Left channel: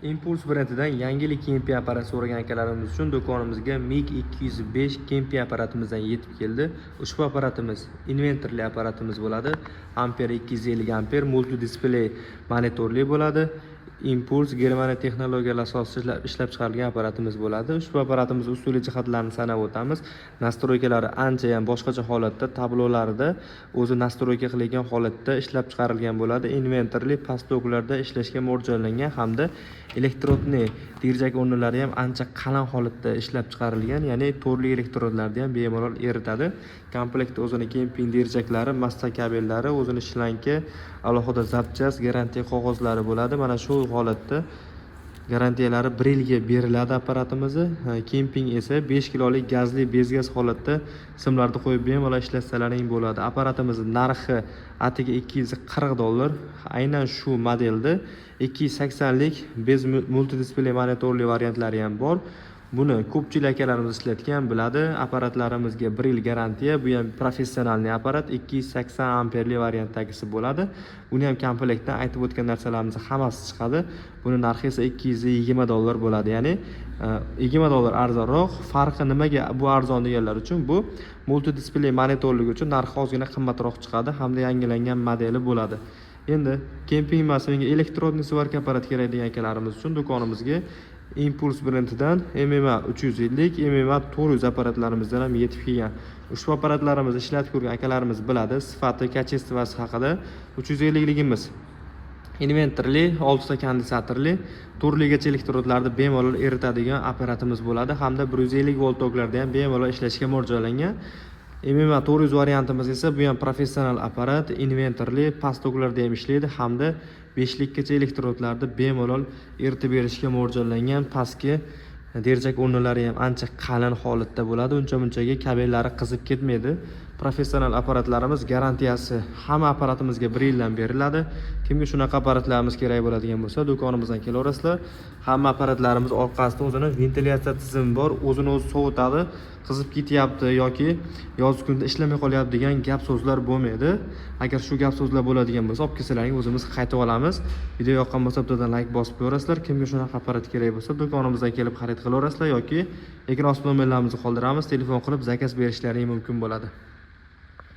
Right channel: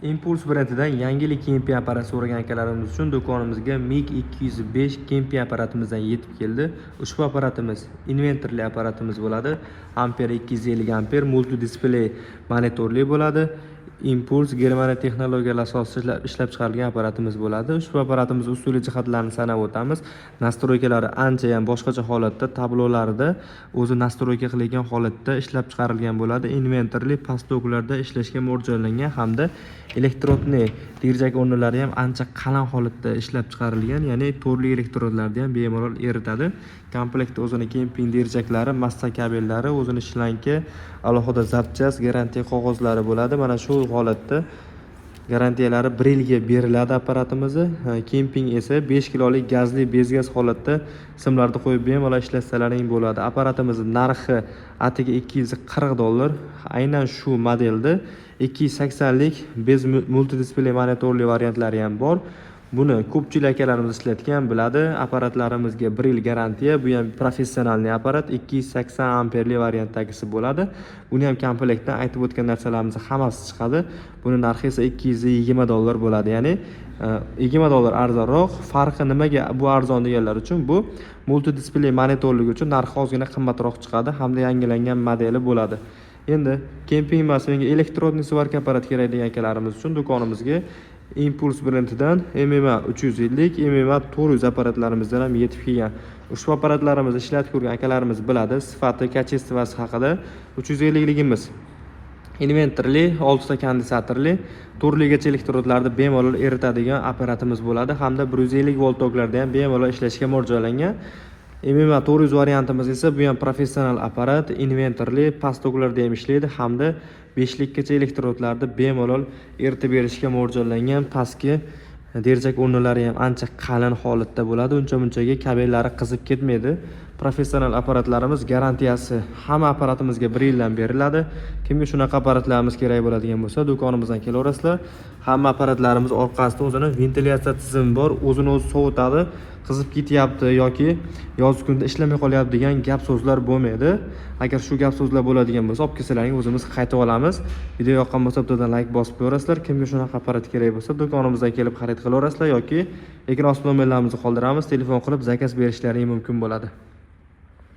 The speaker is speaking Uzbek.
Impuls brendidan yangilik kempiy apparat so'ragan akalarimiz uchun do'konimizga MiG 205 kempiy apparatimizdan yetib keldi. Ushbu apparatimiz inventorli apparatimiz bo'ladi. Ampere 250 amper multi display monitorli bo'ladi. Impuls Germaniya texnologiyalar asosida ishlab chiqarilgan apparatimiz bo'ladi. Ushbu apparatimiz usuliy jihatlarini sanab o'tamiz. Nastroykalari ancha ham boshqacha holatda, tablolarida o'zi nastroyka qilingan holatda ishlab chiqarilgan bo'ladi. Inventorli pastoklarda ishlashga mo'ljallangan hamda elektrodni dirjak o'rnlari ham ancha qalin holatda ishlab chiqarilgan, ya'ni turli elektrodlarni ham bemalol eritadi. Komplektda o'zini kemping dirjaklari, massa kabellari, o'zini shlanka, alohida zapchast, garantiya qog'ozlari bo'ladi. Mana shu holatda garantiyalari 1 yilga beriladi apparatimizni. Kemping esa 5 kilolik gazli bezgaz holatda simlarni qo'yib bemalol ishlatsalaring bo'ladi. Apparatimizning narxi atiga $240. Aynan shu modelda 280 lik bez multidispley monitorli variantlari ham bor. Buni ko'pchilik akalarimiz ishlatgan biladi. Apparatlarimizga 1 yil garantiya. Bu ham professionalniy apparat, 280 amperli variantdagisi bo'ladi. Buni ham komplektdan aytib o'tgan narsalarimiz hammasi chiqadi. Buni narxi esa $220 bo'ladi. Ya'ni $20 arzonroq. Farqi nimaga bu arzon deganlar uchun bu multi displey monitorligi uchun narxi ozgina qimmatroq chiqadi hamda yangilangan modeli bo'ladi. Endi kemping emas, elektrodni svarka apparat kerak degan akalarimiz uchun do'konimizga Impuls brendidan MMA 350, MMA 400 apparatlarimizdan ham yetib kelgan. Ushbu apparatlarimizni ishlatib ko'rgan akalarimiz biladi. Sifati, kachestvasi haqida 350 ligimiz inventorli, 6 ta kondensatorli, turligacha elektrodlarni bemalol eritadigan apparatimiz bo'ladi hamda 150 volt toklarda ham bemalol ishlashga mo'ljallangan. MMA 400 variantimiz esa bu ham professional apparat, inventorli, past toklarda ham ishlaydi hamda 5 likgacha elektrodlarni bemalol eritib berishga mo'ljallangan. Pastki dirjak o'rnlari ham ancha qalin holatda bo'ladi. Uncha-munchaga kabellari qizib ketmaydi. Professional apparatlarimiz garantiyasi hamma apparatimizga 1 yildan beriladi. Kimga shunaqa apparatlarimiz kerak bo'ladigan bo'lsa, do'konimizdan kelaverasizlar. Hamma apparatlarimiz orqasida o'zini ventilyatsiya tizimi bor, o'zini o'zi sovutadi. Qizib ketyapti yoki yoz kunida ishlamay qolyapti degan gap so'zlar bo'lmaydi. Agar shu gap so'zlar bo'ladigan bo'lsa, olib kelsalaring o'zimiz qaytib olamiz. Video yoqqan bo'lsa, bittadan like bosib qo'yasizlar. Kimga shunaqa apparat kerak bo'lsa, do'konimizdan kelib xarid qilaverasizlar yoki ekran ostida nomerlarimizni qoldiramiz. Telefon qilib zakaz berishlaring mumkin bo'ladi.